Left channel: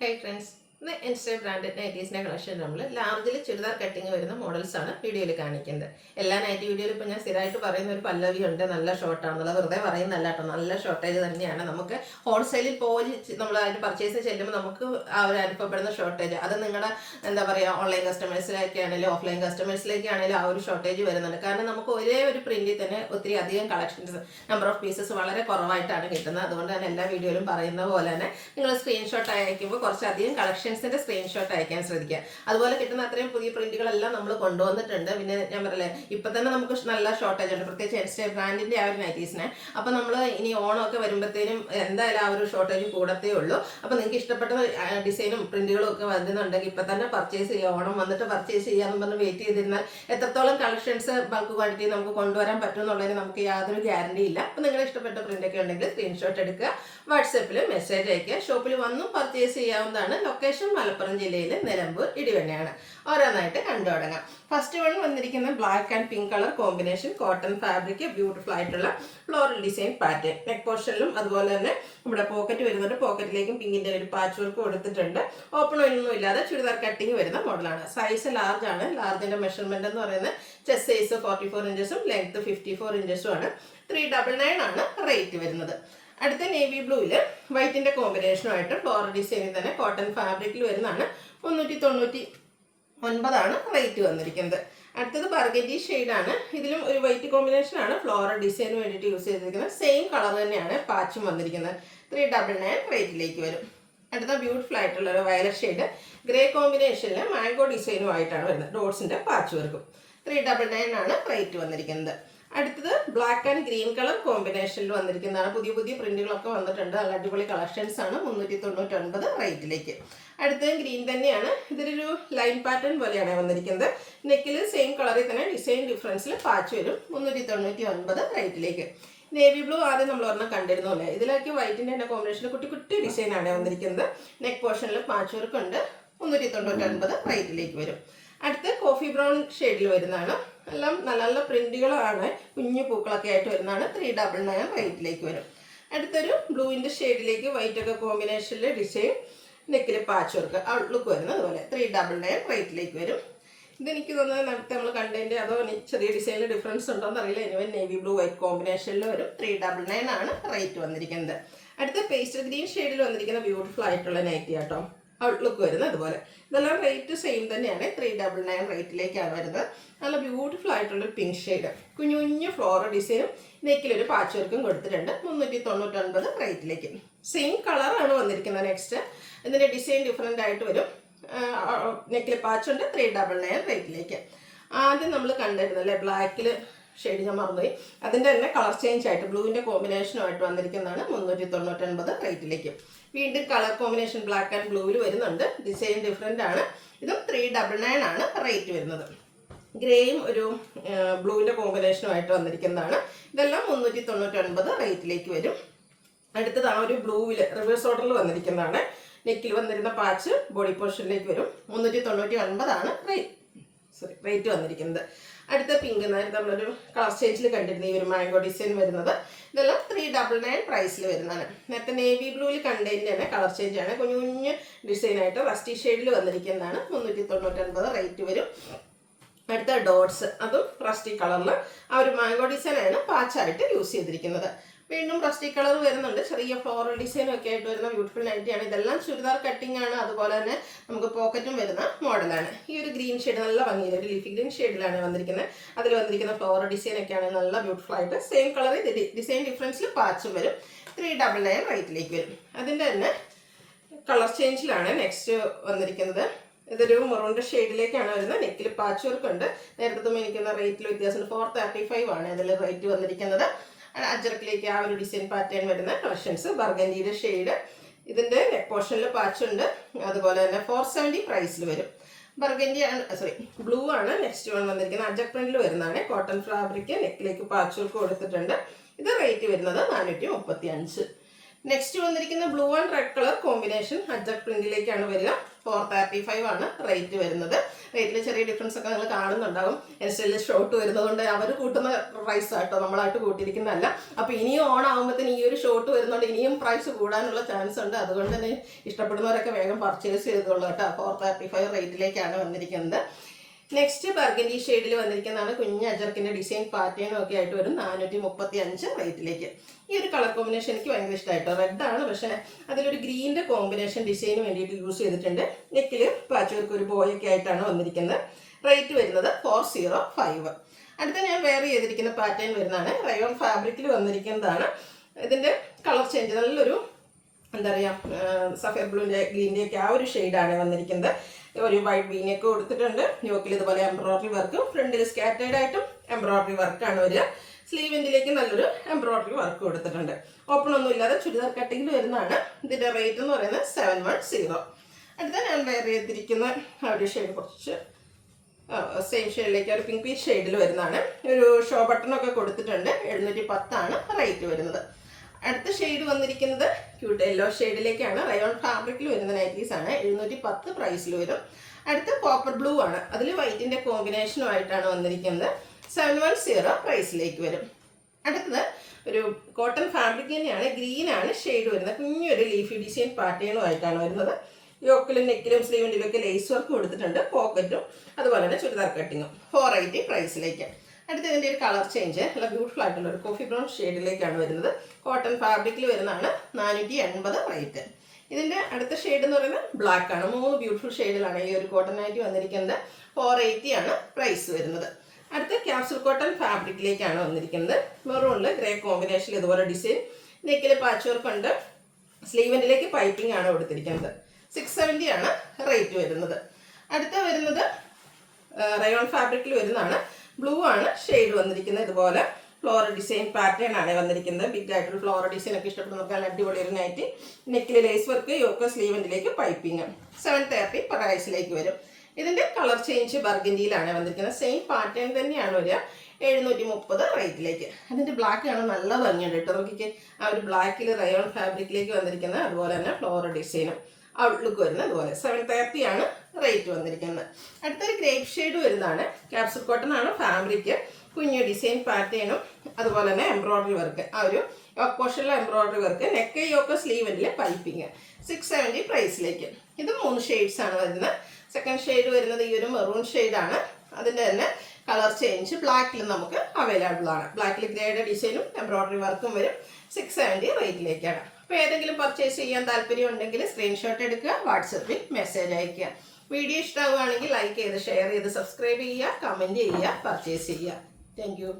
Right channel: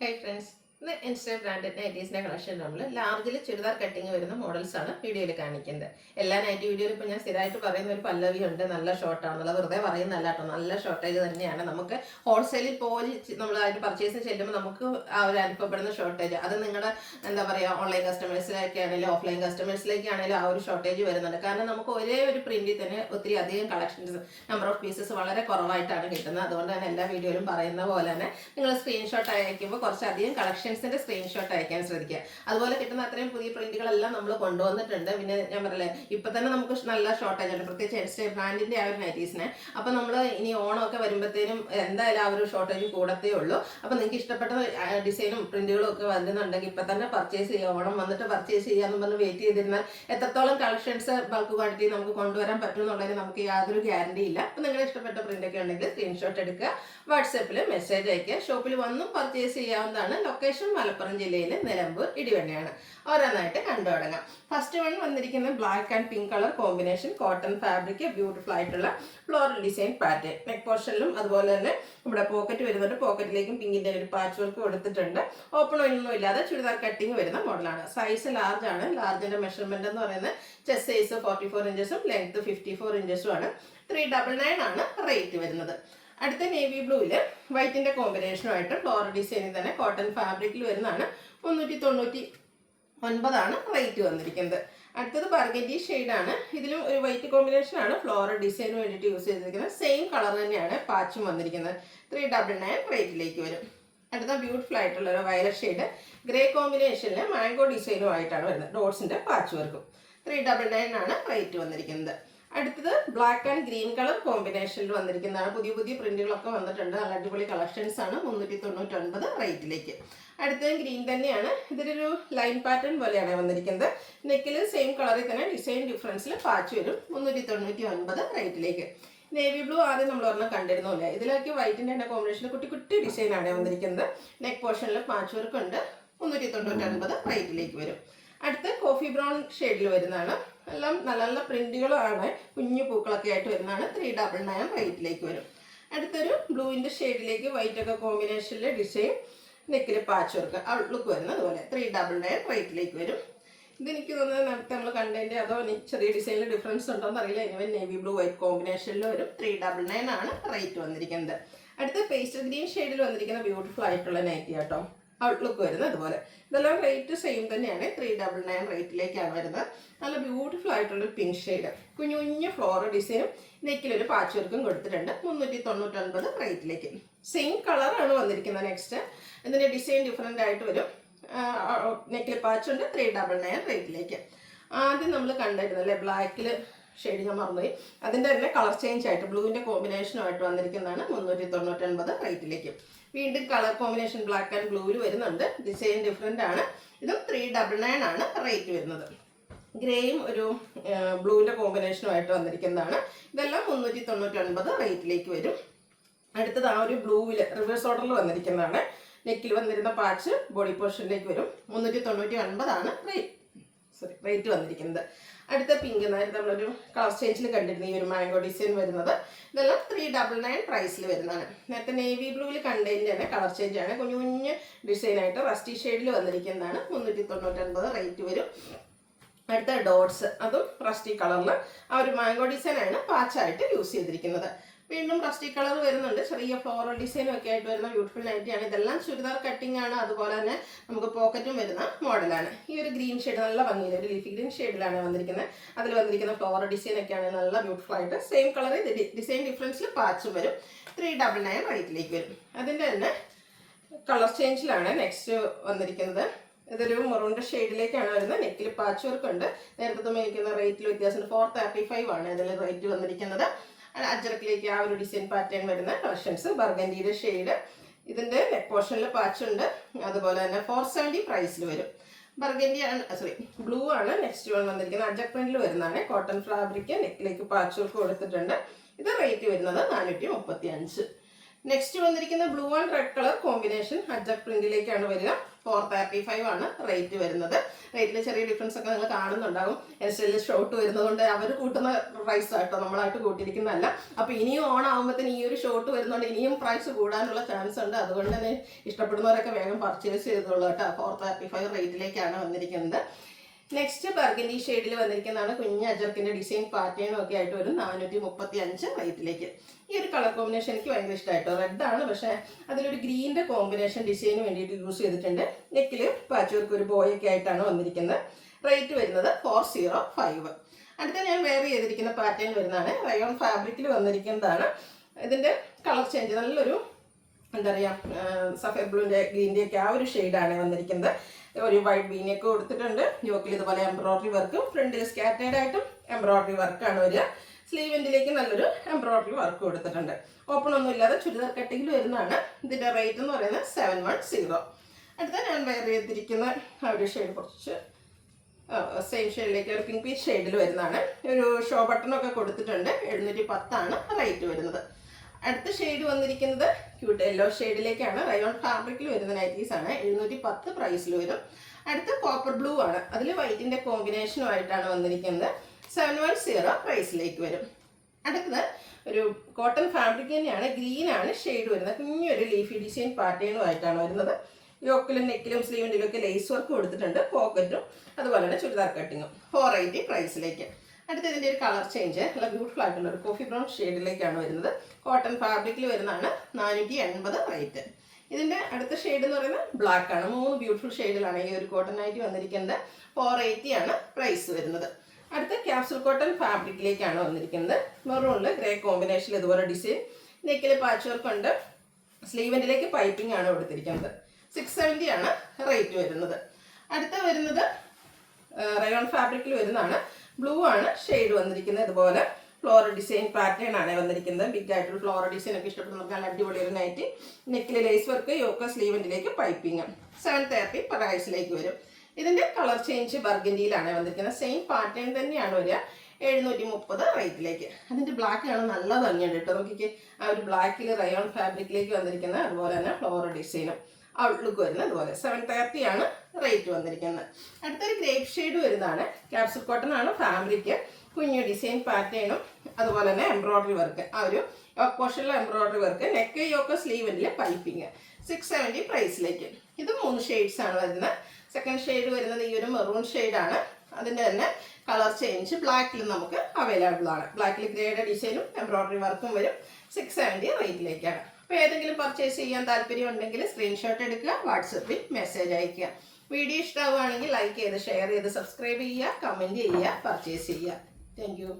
Hey friends, the Insta branded nightlies collection largely chudar cutting models are video കാണിക്കുന്നത്. എല്ലാ nightie വീഡിയോയിൽ ഇപ്പോൾ ഞാൻ സ്ഥിരമായിട്ട് പറയുന്ന ഒരു പല്ലവി ഉണ്ട്, നല്ല ഷോർട്ടാണെന്നുള്ളത് വെറുതെ പറയുന്നല്ല കേട്ടോ, നല്ല ഷോർട്ടേജ് തന്നെയാണ്. നമുക്ക് ഹോൾസെയിലിൽ പോയി നമ്മൾ അതിന് പർച്ചേസ് ചെയ്യുമ്പോൾ നമുക്ക് ആ ഒരു അനുഭവപ്പെടുന്ന ഷോർട്ടേജ് അത് നിങ്ങളുടെ എന്താ പറയുക ഓൺലൈൻ കസ്റ്റമേഴ്സിലേക്ക് ആണെങ്കിലും ഓഫ്ലൈൻ കസ്റ്റമേഴ്സിലേക്ക് ആണെങ്കിലും ആ ഒരു ഷോർട്ടേജ് വരുന്നുണ്ട്. കാരണം നമുക്ക് ഒരേ ഒരു പ്രിന്റിൽ തന്നെ ഒത്തിരി അധികം കളക്ഷൻസ് നമ്പർ ഓഫ് പീസസ് വളരെ കുറവായിട്ടാണ് കിട്ടുന്നത്. അതുകൊണ്ട് തന്നെ എല്ലാ വീഡിയോയിലും പറയുന്ന പോലെ തന്നെ നിങ്ങൾ സ്ക്രീൻഷോട്ട് അയക്കുമ്പോൾ കുറച്ചധികം കളക്ഷൻസിന്റെ സ്ക്രീൻഷോട്ട് അയക്കാൻ ശ്രദ്ധിക്കുക. അതുപോലെ കിട്ടുന്ന അത്രയും പുതിയ പ്രിന്റുകളെല്ലാം നമ്മൾ കൊണ്ടുവന്നിട്ടുണ്ട്. പിന്നെ ഞാൻ പറയല്ലേ ഇപ്പൊ തന്നെ നമുക്ക് നല്ല ഷോർട്ടേജ് ഉണ്ട്, പ്രത്യേകിച്ച് എൻസ്റ്റേ ബ്രാൻഡിന്റെ ആ ഒരു നൈറ്റീസിനെ. അപ്പൊ നമ്മൾ ഇനി ഓണമൊക്കെ വരുമ്പോഴത്തേനും എന്തായാലും ആ ഒരു ഷോർട്ടേജ് കൂടത്തേ ഉള്ളൂ. അപ്പൊ നിങ്ങൾക്ക് ഇഷ്ടപ്പെട്ട ഡിസൈനും പ്രിന്റുകളും ഒക്കെ വരുന്നുണ്ടെങ്കിൽ ഇപ്പൊ തന്നെ പർച്ചേസ് ചെയ്യുക. ഓണം വന്നിട്ട് പർച്ചേസ് ചെയ്യാന്ന് പറഞ്ഞ് വെയിറ്റ് ചെയ്തിരുന്നാൽ എത്രത്തോളം കളക്ഷൻസ് ബൾക്ക് ക്വാണ്ടിറ്റി നമുക്ക് കൊണ്ടുവരാൻ പറ്റും എന്നുള്ളതിന് നമുക്ക് യാതൊരു ഗ്യാരണ്ടി ഇല്ല. അപ്പൊ നിങ്ങളുടെ ഇഷ്ടപ്പെട്ട പ്രിന്റ് ഒക്കെ ഉണ്ടെങ്കിൽ സ്ക്രീൻഷോട്ട് എടുക്കുക, വാട്സാപ്പിൽ മെസ്സേജ് അയക്കുക. ഷോപ്പിൽ വന്നും പർച്ചേസ് ചെയ്യാവുന്നതാണ്. ലൊക്കേഷൻ മലപ്പുറം ജില്ലയിലെ നിലമ്പൂർ ഇടിവണ്ണയാണ്. ഓരോന്നായിട്ട് കണ്ടു തുടങ്ങാം. ഫസ്റ്റ് വൺ വന്നിരിക്കുന്ന black and pink colour combination, cotton fabric, beautiful ആയിട്ടുള്ള ഫ്ലോറൽ ഡിസൈൻ പാറ്റേൺ. നെക്ക് പോർഷനിലും അതുപോലെ തന്നെ ഇവിടെ പോക്കറ്റ് വരുന്നുണ്ട്. പോക്കറ്റിലേക്കും പിങ്കിന്റെ ഒരു പാച്ച് വർക്ക് കൊടുത്തിട്ടുണ്ട്. ഓപ്പൺ ഒന്നും ഇല്ലാതെ ചുരിദാർ കട്ടിങ് വരുന്ന മോഡലാണ്. സൈസ് ലാർജ് ആണ്. ലാർജിന്റെ മെഷർമെന്റ് എന്ന് പറയുന്നത് ചെസ്റ്റ് സൈസ് 44 ഇഞ്ചസും ലെങ്ത് 54 ഇഞ്ചസും ആണ്. 399 ആണ് റേറ്റ് വരുന്നത്. അടുത്ത നേവി ബ്ലൂവില് വൈറ്റിന്റെ കോമ്പിനേഷനുമായിട്ട് ഫ്ലോറൽ ഡിസൈനിൽ തന്നെ കോട്ടൺ ഫാബ്രിക്കിൽ വരുന്നതാണ്. 399 റേറ്റ് വന്നിരിക്കുന്നത്. അടുത്തത് ബർഗൻഡി ഷെയ്ഡാണ്. ഇതിലും ഒരു വൈറ്റ് കോമ്പിനേഷൻ ആണ് ഫ്ലോറൽ ഡിസൈന് വേണ്ടിയിട്ട് യൂസ് ചെയ്തിരിക്കുന്നത്. സെയിം കളർ തന്നെയാണ് പാച്ചും വന്നിരിക്കുന്നത്. 399 റേറ്റിലേക്ക് വരും. അടുത്ത ബ്യൂട്ടിഫുൾ ആയിട്ടുള്ള ഒരു വയലറ്റ് ഷെയ്ഡ് ഗ്രേ കോമ്പിനേഷനിൽ മാംഗോ ഡിസൈനുമായിട്ടാണ് വരുന്നത്. ഡോട്ട്സിന്റെ പാച്ച് വർക്കും. 399 ആണ് റേറ്റ് വന്നിരിക്കുന്നത്. അടുത്തത് ബ്ലാക്ക് ആൻഡ് ഗ്രീൻ കളർ കോമ്പിനേഷനിൽ വന്നിരിക്കുന്നതാണ്. പുതിയ പുതിയ പ്രിന്റുകളൊക്കെ വന്നിട്ടുണ്ട്. നല്ല അടിപൊളി കളക്ഷൻസ് ആണ്. 399 റേറ്റിലേക്ക്. അടുത്തത് ഗ്രീൻ തന്നെയാണ്. ഇതിലൊരു ലൈൻ പാറ്റേൺ പോലെയാണ് വന്നിരിക്കുന്നത്. നെക്കിൽ സെയിം കളറിൽ തന്നെ ഡിസൈൻ ഡിഫറൻസിൽ പാച്ച് വരും. 399 റേറ്റിലേക്ക്. നേവി ബ്ലൂ ആദ്യം നമ്മൾ ഒരെണ്ണം കണ്ടിരുന്നില്ല. ഇതിലേക്ക് വൈറ്റിന്റെ തന്നെ കോമ്പിനേഷനിൽ കുട്ടി കുട്ടി ഡിസൈൻ ആണ് വന്നിരിക്കുന്നത്. നെക്ക് പോർഷനിൽ പാച്ച് വർക്ക് ഉണ്ട്. 399 റേറ്റിലേക്ക് വരും. അടുത്ത് കോഫി ബ്രൗൺ ഷെയ്ഡിൽ വരുന്നതാണ്. എല്ലാം നല്ല നല്ല പ്രിന്റുകളാണ്. കുഞ്ഞു പൂക്കളൊക്കെ ആയിട്ട് വരുന്നതാണ്. 399 റേറ്റിലേക്ക് വരും. അടുത്തൊരു ബ്ലൂവിന്റെ ഷെയ്ഡിലേക്ക് വൈറ്റ് ഒക്കെ കോമ്പിനേഷനിൽ ഡിസൈൻ, നെക്കിൽ പാച്ച് വർക്ക്, ഔട്ട്ലുക്ക് വരുന്നത് അതുപോലെ 399 റേറ്റിലേക്ക് വരും. ഇതെനിക്ക് തോന്നുന്നത് നേരത്തെ നമ്മൾ കണ്ടതിൻ്റെ അതോ ചെറിയ ഡിസൈനിൽ ഡിഫറൻസ് ഉണ്ടോയെന്ന് അറിയില്ല. ഇനി നേവി ബ്ലൂ വൈറ്റ് കോമ്പിനേഷനിൽ വരും. 399 ആണ് റേറ്റ് വന്നിരിക്കുന്നത്. അടുത്ത പേസ്റ്റൽ ഗ്രീൻ ഷെയ്ഡിൽ വന്നിരിക്കുന്ന ബ്യൂട്ടിഫുൾ ആയിട്ടുള്ള നൈറ്റി കേട്ടോ. ഔട്ട്ലുക്ക് വരുന്നത് അതുപോലെ. ഇതെല്ലാം റേറ്റ് സെയിം തന്നെയാണ്. 399 റേറ്റിലേക്കാണ് വരുന്നത്. നല്ല ബ്യൂട്ടിഫുൾ ആയിട്ടുള്ള പിങ്ക് ഷെയ്ഡ്, കുഞ്ഞു കുഞ്ഞു ഫ്ലോറൽ ഡിസൈനും നെക്കിലൊരു പാച്ച് വർക്കും കൊടുത്തിട്ടുണ്ട്. 399 റേറ്റിലേക്ക്. സെയിം കളറാണ് വന്നിരിക്കുന്നത്. നെക്സ്റ്റ് ഇതിൻ്റെ ഡിസൈൻ ഡിഫറെൻ്റ് ആയിട്ട് വരും. നെക്കിൽ പാച്ച് ഉണ്ട്. 399 റേറ്റിലേക്ക്. ആദ്യം നമ്മൾ കണ്ടിരുന്നല്ലേ ബ്ലാക്കിൽ ഷെയ്ഡ്, ഞാൻ മറന്നുപോയി. അതിൻ്റെ തന്നെ കളർ ചേഞ്ച് ആയിട്ട് ബ്ലൂവിൻ്റെ കോമ്പിനേഷനുമായിട്ട് വന്നിരിക്കുന്നതാണ്. 399 റേറ്റിലേക്ക്. വീണ്ടും കളർ കോമ്പിനേഷൻ ബ്ലാക്ക് ആൻഡ് ബ്ലൂവിൽ വരുന്നുണ്ട്. ഡിസൈൻ ഡിഫറെൻ്റ് ആണ്. ഇതും 399 ആണ് റേറ്റ് വരുന്നത്. ഗ്രേയും ഒരു ബ്ലൂവിൻ്റെ കോമ്പിനേഷനുമായിട്ട് വന്നിരിക്കുന്നതാണ്. ഇതെല്ലാം 399 റേറ്റിലേക്ക് വരും. അടുത്തത് ആ ഒരു ബ്ലൂവിൽ റിവേഴ്സ് ഓർഡറിൽ വന്നിരിക്കുന്നതാണ്. നെക്കിൽ വന്നിരുന്ന പാച്ച് ബോഡി പോർഷനിലേക്ക് വരും. 399 ആണ് റേറ്റ് വന്നിരിക്കുന്നത്. അടുത്ത പിങ്ക് നേരത്തെ നമ്മളൊരു കളർ ചേഞ്ചിൽ കണ്ടിരുന്ന ഈ ഒരു മാംഗോ ഡിസൈൻ വരുന്നത്. ഇതെല്ലാം 399 പ്രൈസിൽ വരുന്നതാണ്. നേരത്തെ നേവി ബ്ലൂവിൽ കണ്ടതിൻ്റെ കളർ ചേഞ്ച് ആണ്. കുഞ്ഞു കുഞ്ഞ് ഡിസൈനായിട്ട് റസ്റ്റി ഷെയ്ഡിൽ വന്നിരിക്കുന്നതാണ്. 399 റേറ്റ് വരും. അടുത്ത ഡോട്ട്സ്, അതും റസ്റ്റി കളറിൽ ആ ഒരു മാംഗോ ഡിസൈനാണ് പാച്ചായിട്ട് യൂസ് ചെയ്തിരിക്കുന്നത്. വീണ്ടും റസ്റ്റി കളർ വരുന്നുണ്ട്. ചെറിയ ഫ്ലോറൽ ഡിസൈനും ഒക്കെ ആയിട്ട് വരുന്ന ബ്യൂട്ടിഫുൾ നൈറ്റിയാണ്. ഇതെല്ലാം ചുരിദാർ കട്ടിംഗ് ആണ്. അതുപോലെ തന്നെ നമുക്ക് പോക്കറ്റും വരുന്ന മോഡലാണ്. ഈ ഒരു ഗ്രീൻ ഷെയ്ഡ് നല്ല ഭംഗിയിൽ ഒരു ലീഫി ഗ്രീൻ ഷെയ്ഡിലാണ് വന്നിരിക്കുന്നത്. അതിൽ വന്നിരിക്കുന്ന ഫ്ലോറൽ ഡിസൈൻ ഒക്കെയാണ് നല്ല ബ്യൂട്ടിഫുൾ ആയിട്ട്. സെയിം കളർ ഡിസൈൻ ഡിഫറൻസിൽ പാച്ചും വരും. 399 റേറ്റിലേക്ക് വരും. അതിൻ്റെ തന്നെ കളർ ചേഞ്ചിലാണ് നെക്സ്റ്റ് വന്നിരിക്കുന്നത്. ഇതൊരു മറൂണിന്റെ ഷെയ്ഡിലേക്കാണ് വരുന്നത്. നെക്കിൽ പാച്ച് വർക്ക് ഉണ്ട്. നേരത്തെ മേടിക്കുന്ന റേറ്റിൽ വ്യത്യാസം 435 ആണ് അതിൽ റേറ്റ് വന്നിരിക്കുന്നത്. അജറക്കിലേക്ക് ആ ഒരു ഡിസൈൻ പാറ്റേൺ വരുന്ന കളക്ഷൻസ്. ബർഗൻഡിയുടെ ഷെയ്ഡ്, ഇതിന്റെ നെക്ക് പോർഷനിൽ പാച്ച് ഉണ്ട്. അതുപോലെ തന്നെ 470 പ്രൈസിൽ വരും. ബർഗൻഡി ബ്ലൂ ആണ് നെക്സ്റ്റ് വൺ വന്നിരിക്കുന്നത്. അജക് പ്രിന്റിൽ വരുന്നതാണ്. കോട്ടൺ ഫാബ്രിക്, നെക്കിലേക്ക് പാച്ച് വർക്ക് കൊടുത്തിട്ടുണ്ട്. ഇത് റേറ്റ് വരുന്നത് 435. നെക്സ്റ്റ് വന്നിരിക്കുന്ന blue and red colour combination Ajrak പ്രിന്റിലേക്കാണ് വരിക. 435 ആണ് റേറ്റ് വരുന്നത്. റേറ്റിൽ ചെറിയ ഡിഫറൻസ് ഒക്കെ നിങ്ങൾ കാണുന്നുണ്ടാവും. എൻസ്റ്റൈലിൽ ഷോർട്ട് വരുന്നതുകൊണ്ട് അവർ കൂട്ടുന്ന പ്രൈസ് ആട്ടോ, നമ്മളായിട്ട് കൂട്ടിയിരിക്കുന്നതല്ല. അപ്പോൾ ഇനിയും ഓൺ ആകുമ്പോഴത്തേന് ഈ ഒരു ഷോർട്ട് വരുന്നതുകൊണ്ട് ഇനിയും പ്രൈസ് കൂടാനുള്ള ചാൻസ് ഉണ്ട്. അതുകൊണ്ട് തന്നെ ഇഷ്ടപ്പെടുന്നവരൊക്കെ വേഗം പർച്ചേസ് ചെയ്തോളൂ കേട്ടോ. 435 റേറ്റിലേക്കാണ് വന്നിരിക്കുന്നത്. നെക്സ്റ്റ് ബർഗൻഡി ഷെയ്ഡിൽ വന്നിരിക്കുന്നതാണ്. കുഞ്ഞ് അജർക്കിന്റെ ഡിസൈൻ പാറ്റേണും ഒക്കെ ആയിട്ട് വരും. 435 റേറ്റിലേക്ക്. ഈ ഒരു കളർ കോമ്പിനേഷൻ എനിക്ക് ഭയങ്കര ഇഷ്ടമായിട്ടോ. റെഡ് ആണ്, പക്ഷേ അതിലൊരു ഗ്രീനിന്റെ കോമ്പിനേഷൻ ഡിസൈന് വേണ്ടിയിട്ട് യൂസ് ചെയ്തിട്ടുണ്ട്. നെക്കിൽ പാച്ച് വർക്ക് ഒരു ബോയൊക്കെ ആയിട്ടാണ് വന്നിരിക്കുന്നത്. റേറ്റ് വരുന്നത് 405. അടുത്ത ഞാൻ വെയർ ചെയ്തിരിക്കുന്ന പാറ്റേൺ വരുന്നതാണ്. റയോൺ ഫാബ്രിക്കിൽ വന്നിരിക്കുന്നതാണ്. ഇതിന്റെ കളർ ചേഞ്ച് നല്ലൊരു എന്താ പറയുക, സഫേർ ബ്ലൂവിന്റെ ഗ്രീനിന്റെ ഒക്കെ ആ ഒരു ഷെയ്ഡാണ് വന്നിരിക്കുന്നത്. ഒരു വൈറ്റ് ബീനൊക്കെ കൊടുത്തിട്ടുണ്ട്. യോക്കിൽ ഇതുപോലെ എംബ്രോയിഡറി വർക്കും, ഫ്രണ്ടിൽ സ്കാറ്റേഡ് ആയിട്ടും എംബ്രോയിഡറി വർക്കാണ് വരിക. സ്ലീവിൻ്റിലേക്ക് നല്ലൊരു എംബ്രോയിഡറി വർക്ക് കൊടുത്തിട്ടുണ്ട്. ഓപ്പൺ ഒന്നും ഇല്ലാതെ ചുരിദാർ കട്ടിങ്ങിൽ വരുന്നതാണ്. ഇതിന്റെ റേറ്റ് എന്ന് പറയുന്നത് 710. അടുത്ത ഞാൻ വെയർ ചെയ്തിരിക്കുന്ന ആ ഒരു ഷെയ്ഡ് കുറച്ച് സെയിം ഷെയ്ഡിലേക്ക് ഒരു പിങ്ക് പീച്ച് ഷെയ്ഡിൽ വരുന്നതാണ്. ഒരു ഷോ ബട്ടണൊക്കെ കൊടുത്തിട്ടുണ്ട്. 710 റേറ്റ് വരുന്നത്. അടുത്ത ഷെയ്ഡ് വന്നിരിക്കുന്നത് ക്യൂട്ട് യെല്ലോ ഷെയ്ഡിലേക്കാണ്. റയോൺ ഫാബ്രിക്കിൽ വരുന്ന നൈറ്റീസ് ആണ്. 710 പ്രൈസിൽ വരും. അടുത്ത കോപ്പർ ബ്ലൂ ആണ്. അതിൽ വൈറ്റിന്റെ കോമ്പിനേഷനുമായിട്ടാണ് വന്നിരിക്കുന്നത്. 710 പ്രൈസിലേക്ക് വരും. അടുത്തത് ഒരു കോട്ടൺ ഫാബ്രിക് തന്നെയാണ്. ഗ്രീൻ ആണ് ഷെയ്ഡ് വരുന്നത്. കുഞ്ഞൊരു ലീഫി ഡിസൈൻ പാറ്റേണുമായിട്ടാണ് വരുന്നത്. യോക്കിലും നെക്കിലും സ്ലീവിൻ്റിലും ഒക്കെ ലേസ് വർക്ക് കൊടുത്തിട്ടുണ്ട്. പോക്കറ്റും അതുപോലെ തന്നെ ചുരിദാർ കട്ടിങ്ങും. 480 പ്രൈസിലേക്ക്. അടുത്ത ഇതിൻ്റെ ഒരു കളർ ചേഞ്ച് നല്ല ബ്യൂട്ടിഫുൾ ആയിട്ടുള്ള ഒരു കോഫി ബ്രൗൺ ഷെയ്ഡിലേക്കാണ് വരുന്നത്. കോട്ടൺ ഫാബ്രിക്കിൽ വരുന്നതാണ്. 480 റേറ്റ്. ഇതിൻ്റെ അടുത്ത ഷെയ്ഡ് എന്ന് പറയുന്നത് ബ്ലാക്ക് ആണ്. 3 ബ്യൂട്ടിഫുൾ ഷെയ്ഡിലാണ് ഈ ഒരു കോട്ടൺ ആയിട്ട് വന്നിരിക്കുന്നത്. 480 പ്രൈസ് വരുന്നത്. അടുത്ത ക്യാപ്സൂൾ കോട്ടൺ ഫാബ്രിക്കിലേക്കാണ് വന്നിരിക്കുന്നത്. മെറൂണിൽ ഗ്രേ കോമ്പിനേഷനിൽ ഇതുപോലെ ഡിസൈൻ. നെക്കിൽ പാച്ച് വർക്ക് ഉണ്ട്. സ്ലീവിൻ്റിലേക്ക് പൈപ്പിംഗ് ആണ് കൊടുത്തിരിക്കുന്നത്. 670 റേറ്റ് വരുന്നത്. അടുത്ത വരുന്നത് റയോൺ ഫാബ്രിക്കിൽ വരുന്നതാണ്. ബ്ലൂ ആണ് ഷെയ്ഡ് വന്നിരിക്കുന്നത്. ഇതുപോലെ ഫ്ലോറൽ ഡിസൈൻ പാറ്റേൺ ആണ് വന്നിരിക്കുന്നത്. ബിഗ് ആയിട്ടുള്ള ഫ്ലോറൽ ഡിസൈൻ ഒക്കെ ഇഷ്ടപ്പെടുന്ന നല്ല അടിപൊളി ഒരു നൈറ്റി. നെക്കിൽ ലേസ് വർക്ക്, യോക്ക് സ്ലീവിൻ്റിലേക്ക് പൈപ്പിംഗ്. 730 പ്രൈസിലേക്ക് വരും. ഇതിന്റെ കളർ ചേഞ്ച് ബർഗൻഡിയിലാണ് വന്നിരിക്കുന്നത്. സെയിം പാറ്റേൺ തന്നെയാണ് വരിക. 730 റേറ്റിലേക്ക്. അതിന്റെ ബ്ലാക്ക് ആണ് നല്ല ഭംഗിയുണ്ട് കേട്ടോ. നോക്കിക്കേ, ആ ഒരു ബ്ലാക്കിൽ റയോൺ ഫാബ്രിക്കിലേക്ക് വന്നിരിക്കുന്നത്. അതുപോലെ തന്നെ ഫ്ലോറൽ ഡിസൈനും ഔട്ട്ലുക്ക് വരുന്നത്. അതുപോലെ 730 റേറ്റ് വന്നിരിക്കുന്നത്. അടുത്തൊരു ഗ്രേപ്പ് ഷെയ്ഡ് വരുന്നതാണ്. ക്യാപ്സൂൾ കോട്ടൺ ആണ് ഫാബ്രിക്. കുഞ്ഞു ഡിസൈൻ പാറ്റേണും അതുപോലെ തന്നെ എംബ്രോയിഡറി വർക്ക്. ആ ഒരു യോക്ക് പോർഷനിലെ എംബ്രോയിഡറി വർക്ക്. നെക്ക് യോക്ക് സ്ലീവിലെ പൈപ്പിങ്. 670 പ്രൈസിലേക്ക്. ഇത് 3 ഷെയ്ഡ്സ് ആണ് വരുന്നത്. സെക്കൻഡ് ഷെയ്ഡ് വരുന്നത് ഈ ഒരു മെറൂൺ ഷെയ്ഡാണ്. അതിൻ്റെ തന്നെ കളർ ചേഞ്ച് ബ്ലാക്കിൽ നമുക്ക് അവൈലബിൾ ആണ്. ബ്ലാക്കിൽ ഗ്രേഡ് ഡിസൈനും എംബ്രോയിഡറി വർക്കും വരും. 670 റേറ്റിലേക്കാണ്. അപ്പോൾ ഏതെങ്കിലും പർച്ചേസ് ചെയ്യാൻ താല്പര്യം ഉണ്ടെങ്കിൽ സ്ക്രീൻഷോട്ട് എടുക്കുക, വാട്സപ്പിൽ മെസ്സേജ് അയയ്ക്കുക. വീഡിയോ ഇഷ്ടമാവുകയാണെങ്കിൽ ലൈക്ക് ചെയ്ത് ഷെയർ ചെയ്ത് സബ്സ്ക്രൈബ് ചെയ്യുക, കമൻറ്റ് ചെയ്യുക, പർച്ചേസ് ചെയ്യുക. Thank you.